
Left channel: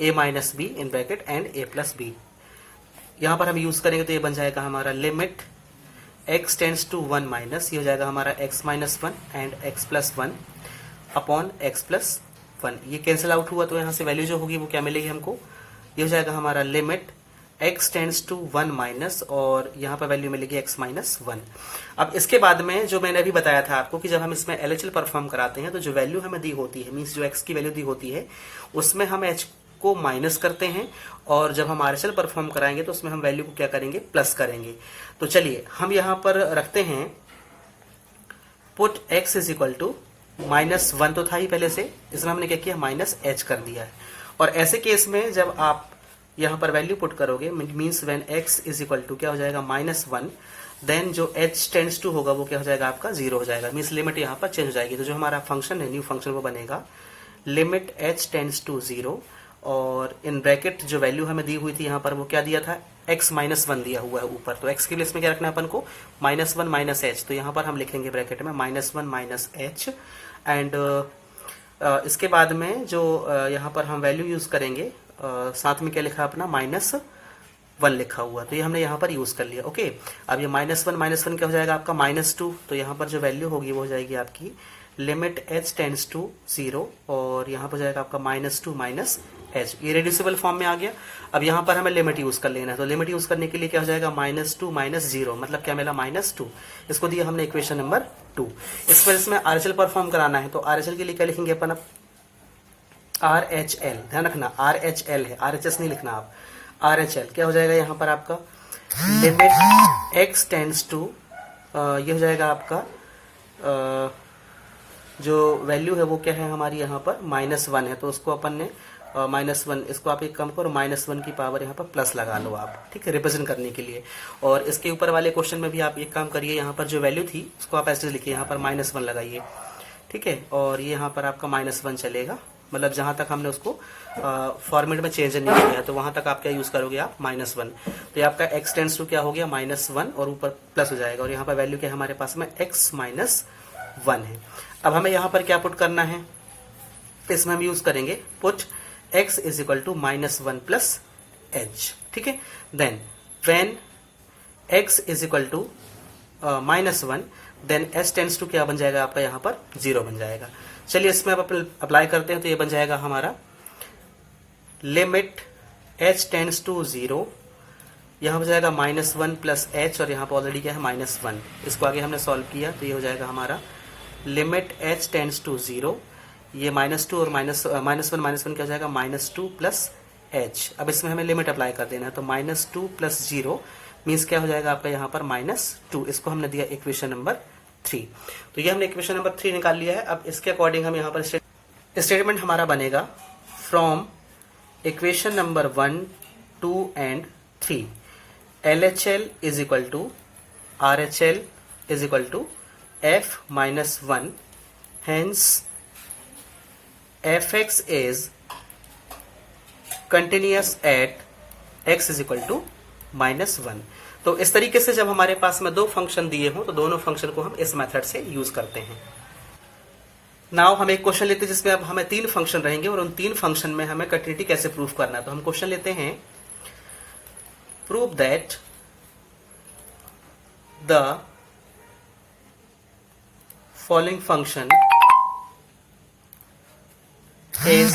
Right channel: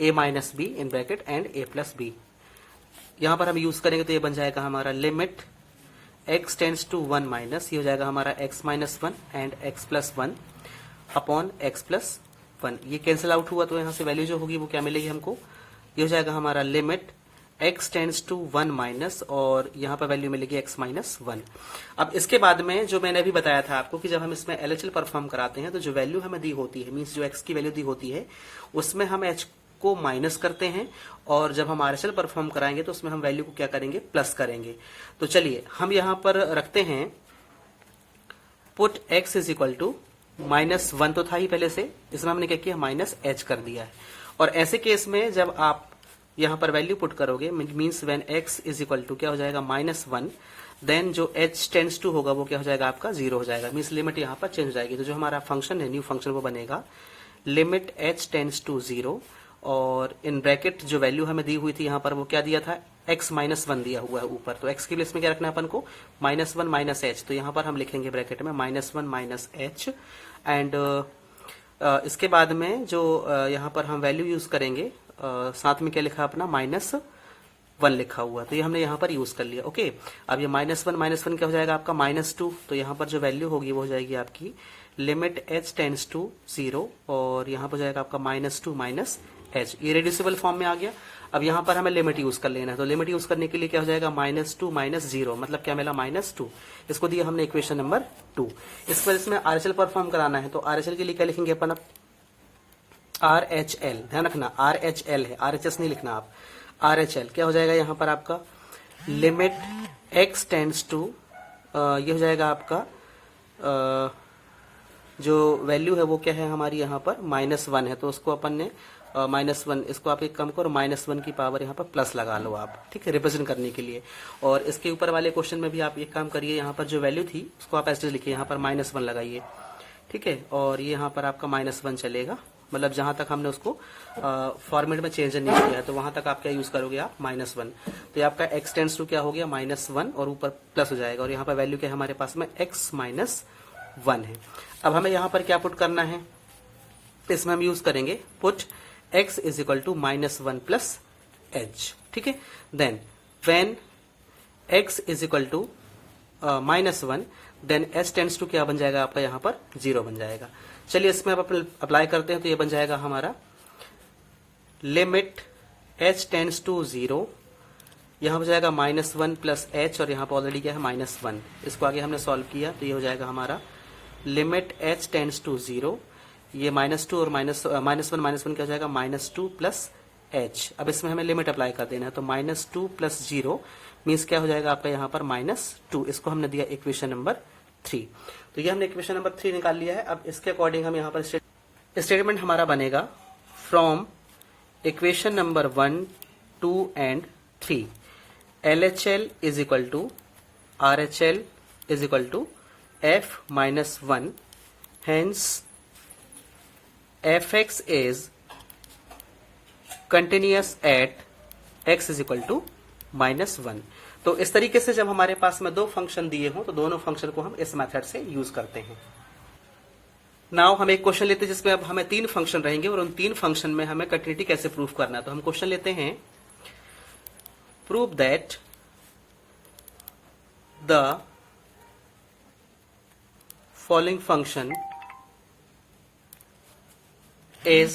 A minus B in bracket and A plus B. यहाँ पर हम यूज करेंगे तो ये बन जाएगा हमारा limit x tends to 1 minus, ये हो जाएगा हमारा x minus 1 and x plus 1 upon x plus 1। ये कैंसिल आउट हुआ तो यहाँ से वैल्यू जो होगी वो क्या मिलेगी हमको, ये हो जाएगा हमारा limit x tends to 1 minus और यहाँ पर वैल्यू मिलेगी x माइनस 1। अब इसके बाद में जो मैंने अभी बताया था आपको कि जब हम इसमें LHL परफॉर्म कराते हैं तो जो वैल्यू हमें दी होती है, मीन्स जो x की वैल्यू दी होती है उसमें हम h को माइनस करते हैं और जब हम RHL परफॉर्म कराएंगे तो उसमें हम वैल्यू को क्या करेंगे, प्लस करेंगे। तो चलिए हम यहाँ पर रखते हैं put x is equal to minus 1 तो था ही पहले से, इसमें हमने क्या किया, माइनस h कर दिया है। और ऐसे केस में जब आप यहाँ पर वैल्यू पुट करोगे means when x is equal to क्या हो जाएगा, माइनस 1, देन जो h टेंड्स टू होगा वो क्या हो जाएगा आपका, 0 हो जाएगा, मीन्स लिमिट यहाँ पर चेंज हो जाएगी। तो जो हमारा फंक्शन है न्यू फंक्शन वो बनेगा लिमिट h टेंड्स टू 0 और इन ब्रैकेट जो वैल्यू हमें दी हुई थी यहाँ पर वो क्या दिया था, x माइनस 1 दिया हुआ है ऊपर, तो x के लिए इसमें क्या रखना है अपन को, -1 माइनस एच, तो यहाँ पर हम लिखेंगे ब्रैकेट में -1 माइनस एच। एंड इसके बाद में जो यहाँ पर हम वैल्यू यूज करेंगे, साथ में क्या लिखा अपना -1 लिखा हुआ, तो ये हमने यहाँ पर यूज कर लिया। ओके, अब ये -1 क्या हो जाएगा आपका -2, तो यहाँ पर जो वैल्यू होगी वो हो जाएगी आपकी लिमिट h टेंड्स टू 0, और यहाँ पर जाएगा आपका -2 माइनस एच, ये रिड्यूसिबल फॉर्म में आ गया। अब यहाँ पर हमें लिमिट यूज कर लेना है, तो लिमिट यूज करने के लिए क्या हो जाएगा, -2 माइनस 0, मतलब क्या मिला -2, इसको दिया हमने इक्वेशन नंबर 2। इस पर इसमें RHL परफॉर्म कराना है, तो RHL के लिए क्या लिखेंगे अपन, RHL, ध्यान रखना RHL है, RHS नहीं लिखना आप, RHL क्या हो जाएगा यहाँ पर आपका लिमिट x टेंड्स टू, ये हो जाएगा आपका जो वैल्यू है वो क्या है हमारी यहाँ पर -1 है, तो उसको अपन ने -1, इसको आप एक काम करो, -1 की पावर यहाँ पर प्लस लगा लो आप, ठीक है, रिप्रेजेंट करने के लिए। और इसके ऊपर वाले क्वेश्चन में भी आप एक काम करिए, यहाँ पर जो वैल्यू थी उसको आप ऐसे लिखिए, यहाँ पर -1 लगाइए, ठीक है, और ये यहाँ पर आपका -1 चलेगा, मतलब जहां तक हमने उसको फॉर्मेट में चेंज नहीं किया, तो वहां तक आप क्या यूज करोगे आप -1, तो ये आपका x टेंड्स टू क्या हो गया -1 और ऊपर प्लस हो जाएगा, और यहाँ पर वैल्यू क्या है हमारे पास में x माइनस 1 है। अब हमें यहाँ पर क्या पुट करना है, इसमें हम यूज करेंगे put x is equal to -1 plus h, ठीक है। Then when x is equal to -1, then h tends to क्या बन जाएगा आपका यहाँ पर 0 बन जाएगा। चलिए इसमें आप अप्लाई करते हैं, तो ये बन जाएगा हमारा लिमिट h टेंड्स टू 0, यहाँ हो जाएगा -1 प्लस h, और यहाँ पर ऑलरेडी क्या है -1, इसको आगे हमने सॉल्व किया, तो ये हो जाएगा हमारा लिमिट h टेंड्स टू 0, ये -2 और -1 क्या हो जाएगा -2 प्लस h। अब इसमें हमें लिमिट अप्लाई कर देना है, तो -2 प्लस 0 मीन्स क्या हो जाएगा आपका यहाँ पर -2, इसको हमने दिया इक्वेशन नंबर 3। तो ये हमने इक्वेशन नंबर 3 निकाल लिया है। अब इसके अकॉर्डिंग हम यहाँ पर स्टेटमेंट हमारा बनेगा from equation number 1, 2 and 3 LHL is equal to RHL is equal to f minus 1, hence fx is continuous at x is equal to -1। तो इस तरीके से जब हमारे पास में दो फंक्शन दिए हों, तो दोनों फंक्शन को हम इस मेथड से यूज करते हैं। नाउ हम एक क्वेश्चन लेते हैं जिसमें अब हमें 3 फंक्शन रहेंगे, और उन 3 फंक्शन में हमें कंटिन्यूटी कैसे प्रूव करना है। तो हम क्वेश्चन लेते हैं, prove that the following function is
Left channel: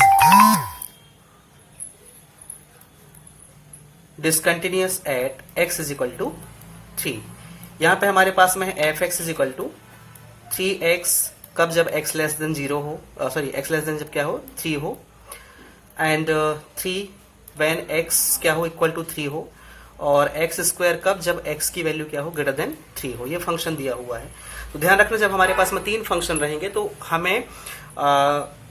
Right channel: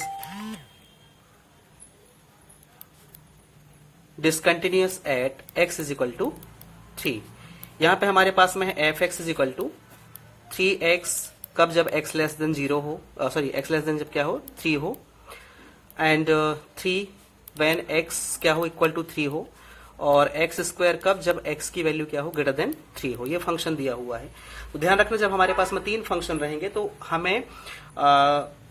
discontinuous at x is equal to 3। यहाँ पे हमारे पास में है fx is equal to 3x, कब जब x लेस देन 0 हो, सॉरी x लेस देन जब क्या हो 3 हो, एंड 3 when x क्या हो इक्वल टू 3 हो, और x स्क्वायर कब जब x की वैल्यू क्या हो ग्रेटर देन 3 हो। ये फंक्शन दिया हुआ है। तो ध्यान रखना, जब हमारे पास में 3 फंक्शन रहेंगे तो हमें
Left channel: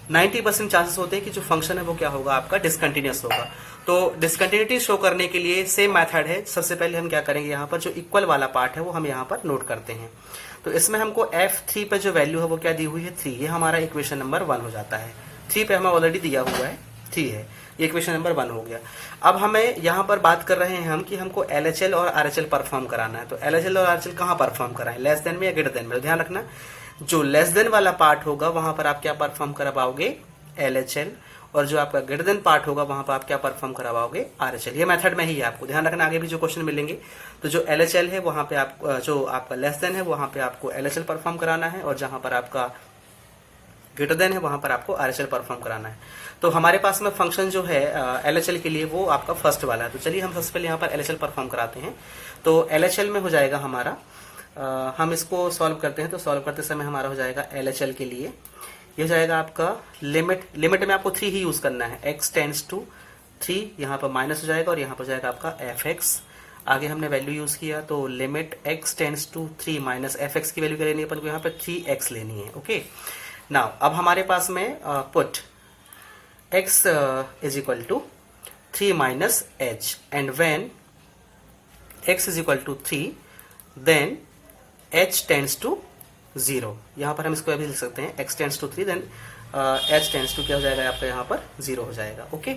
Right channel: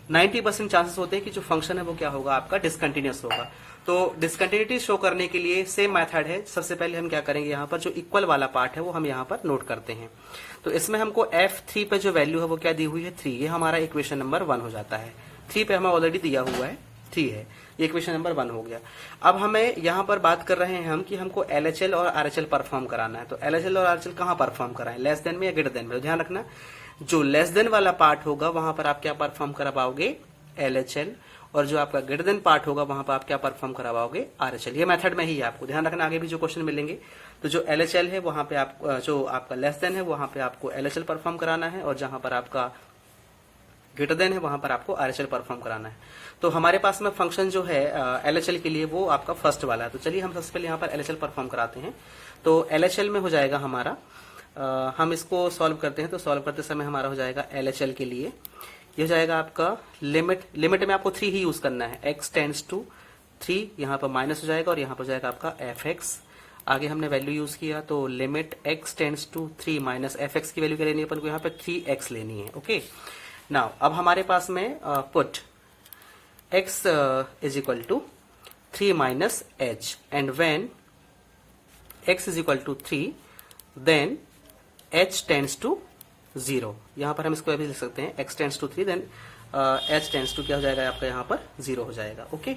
90% चांसेस होते हैं कि जो फंक्शन है वो क्या होगा आपका डिसकंटिन्यूअस होगा। तो डिसकंटिन्यूटी शो करने के लिए सेम मेथड है। सबसे पहले हम क्या करेंगे, यहाँ पर जो इक्वल वाला पार्ट है वो हम यहाँ पर नोट करते हैं। तो इसमें हमको f3 पे जो वैल्यू है वो क्या दी हुई है 3, ये हमारा इक्वेशन नंबर 1 हो जाता है। 3 पे हमें ऑलरेडी दिया हुआ है 3 है, ये इक्वेशन नंबर 1 हो गया। अब हमें यहाँ पर बात कर रहे हैं हम कि हमको LHL और RHL परफॉर्म कराना है। तो LHL और RHL कहाँ परफॉर्म कराएं, लेस देन में या ग्रेटर देन में। तो ध्यान रखना, जो लेस देन वाला पार्ट होगा वहां पर आप क्या परफॉर्म करा पाओगे LHL, और जो आपका ग्रेटर देन पार्ट होगा वहां पर आप क्या परफॉर्म करा पाओगे RHL। ये मेथड में ही है, आपको ध्यान रखना। आगे भी जो क्वेश्चन मिलेंगे तो जो LHL है वहां पे आप, जो आपका लेस देन है वहां पे आपको LHL परफॉर्म कराना है, और जहां पर आपका ग्रेटर देन है वहां पर आपको RHL परफॉर्म कराना है। तो हमारे पास में फंक्शन जो है LHL के लिए वो आपका फर्स्ट वाला है। तो चलिए हम सबसे पहले यहाँ पर LHL परफॉर्म कराते हैं। तो LHL में हो जाएगा हमारा, हम इसको सॉल्व करते हैं। तो सॉल्व करते समय हमारा हो जाएगा LHL के लिए ये हो जाएगा आपका लिमिट में आपको 3 ही यूज करना है, x टेंड्स टू 3, यहाँ पर माइनस हो जाएगा और यहाँ पर हो जाएगा आपका fx। आगे हमने वैल्यू यूज किया, तो limit x tends to 3 minus fx की वैल्यू क्या लेनी है अपन को, यहाँ पर 3x लेनी है। ओके, नाउ अब हमारे पास में put x is equal to 3 minus h, and when x is equal to 3 then h tends to 0। यहाँ पर हम इसको अभी लिख सकते हैं x tends to 3 then h tends to क्या हो जाएगा आपका यहाँ पर 0 हो जाएगा। ओके,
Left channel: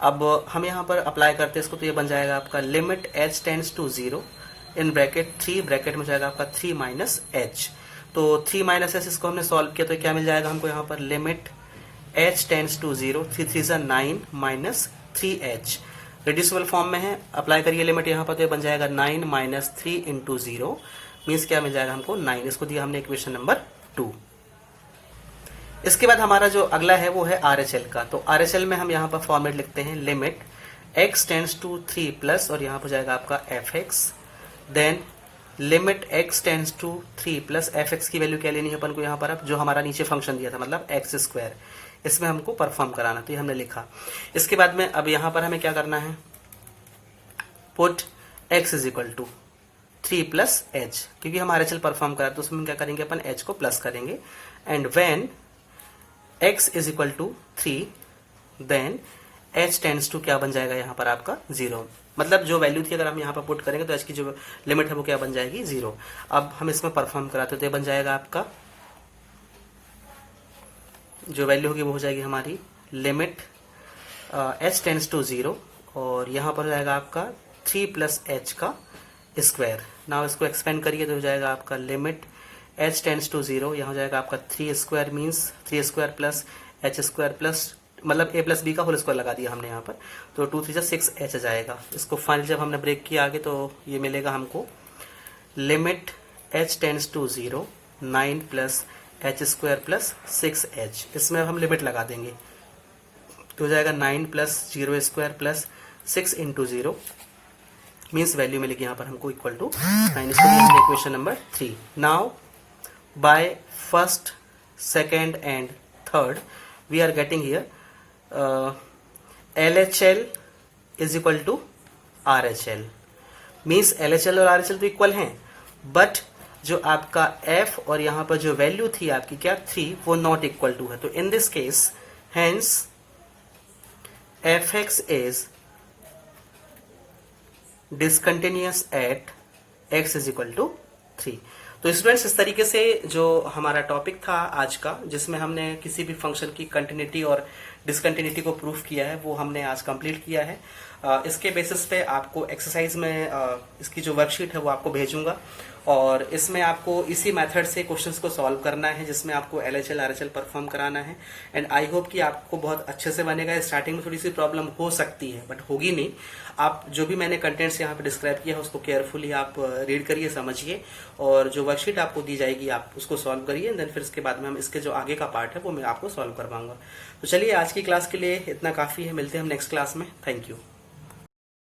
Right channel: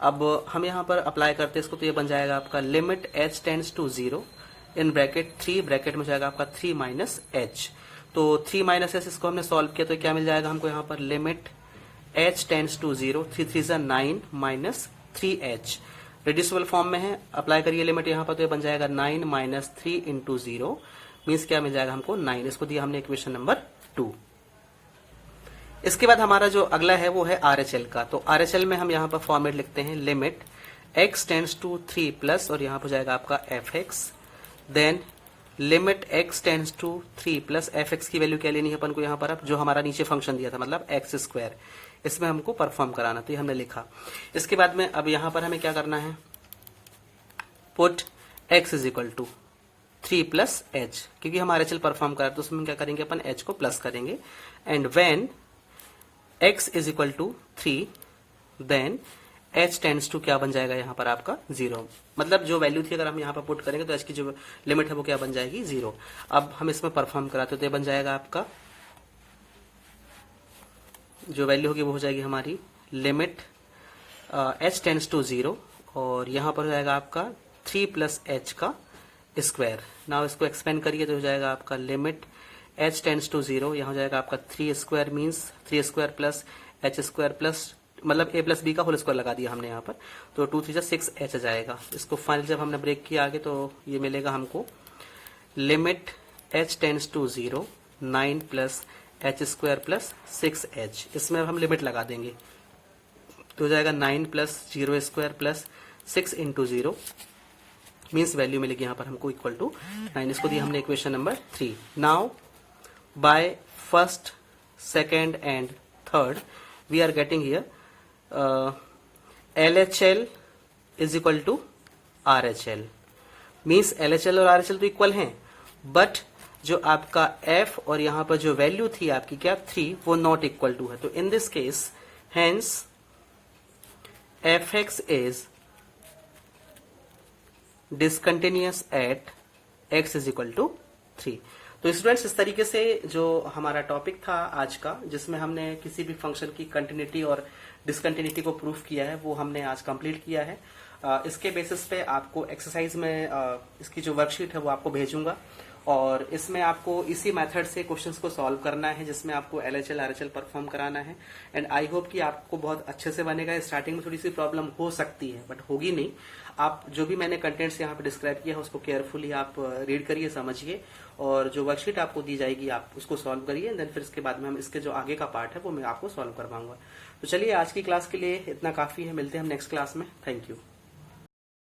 अब हम यहाँ पर अप्लाई करते हैं इसको, तो ये बन जाएगा आपका limit h tends to 0 in bracket 3, bracket में जाएगा आपका 3 माइनस h। तो 3 माइनस h इसको हमने सॉल्व किया तो क्या मिल जाएगा हमको यहाँ पर, लिमिट h टेंड्स टू 0, 3 3 जा 9 माइनस 3h, रिड्यूसिबल फॉर्म में है, अप्लाई करिए लिमिट यहाँ पर तो ये बन जाएगा 9 माइनस 3 इंटू 0 मीन्स क्या मिल जाएगा हमको 9, इसको दिया हमने इक्वेशन नंबर 2। इसके बाद हमारा जो अगला है वो है RHL का। तो RHL में हम यहाँ पर फॉर्मेट लिखते हैं limit x tends to 3 plus और यहाँ पर जाएगा आपका fx, then limit x tends to 3 plus fx की वैल्यू क्या लेनी है अपन को यहाँ पर, अब जो हमारा नीचे फंक्शन दिया था मतलब x स्क्वायर, इसमें हमको परफॉर्म कराना, तो ये हमने लिखा। इसके बाद में अब यहाँ पर हमें क्या करना है, put x is equal to 3 plus h, क्योंकि हम RHL परफॉर्म करा तो उसमें क्या करेंगे अपन h को प्लस करेंगे, and when x is equal to 3 then h tends to क्या बन जाएगा यहाँ पर आपका 0, मतलब जो वैल्यू थी अगर हम यहाँ पर पुट करेंगे तो h की जो लिमिट है वो क्या बन जाएगी 0। अब हम इसमें परफॉर्म कराते तो ये बन जाएगा आपका, जो वैल्यू होगी वो हो जाएगी हमारी लिमिट h टेंड्स टू 0 और यहाँ पर जाएगा आपका 3 प्लस h का स्क्वायर। नाउ इसको एक्सपेंड करिए तो हो जाएगा आपका लिमिट h टेंड्स टू 0, यहाँ हो जाएगा आपका 3 square means 3 square plus h square plus मतलब a प्लस b का होल स्क्वायर लगा दिया हमने यहाँ पर, तो 2 3 6h जाएगा। इसको फाइनली जब हमने ब्रेक किया आगे तो ये मिलेगा हमको limit h tends to 0 9 plus h square plus 6h, इसमें हम लिमिट लगा देंगे तो हो जाएगा 9 plus 0 square plus 6 into 0 means value मिलेगी यहाँ पर हमको इक्वल टू 9, इसको लिखते हैं equation number 3। Now by first, second and third we are getting here LHL is equal to RHL, means LHL और RHL तो इक्वल हैं, बट जो आपका f और यहाँ पर जो वैल्यू थी आपकी क्या 3 वो नॉट इक्वल टू है, तो in this case hence fx is discontinuous at x is equal to 3। तो स्टूडेंट्स इस तरीके से जो हमारा टॉपिक था आज का, जिसमें हमने किसी भी फंक्शन की कंटिन्यूटी और डिसकंटिन्यूटी को प्रूफ किया है, वो हमने आज कंप्लीट किया है। इसके बेसिस पे आपको एक्सरसाइज में इसकी जो वर्कशीट है वो आपको भेजूंगा और इसमें आपको इसी मेथड से क्वेश्चंस को सॉल्व करना है, जिसमें आपको LHL RHL परफॉर्म कराना है। एंड आई होप कि आपको बहुत अच्छे से बनेगा। स्टार्टिंग में थोड़ी सी प्रॉब्लम हो सकती है बट होगी नहीं। आप जो भी मैंने कंटेंट्स यहाँ पे डिस्क्राइब किया है उसको केयरफुली आप रीड करिए, समझिए और जो वर्कशीट आपको दी जाएगी आप उसको सॉल्व करिए। देन फिर इसके बाद में हम इसके जो आगे का पार्ट है वो मैं आपको सॉल्व करवाऊंगा। तो चलिए आज की क्लास के लिए इतना काफ़ी है, मिलते हैं हम नेक्स्ट क्लास में। Thank you.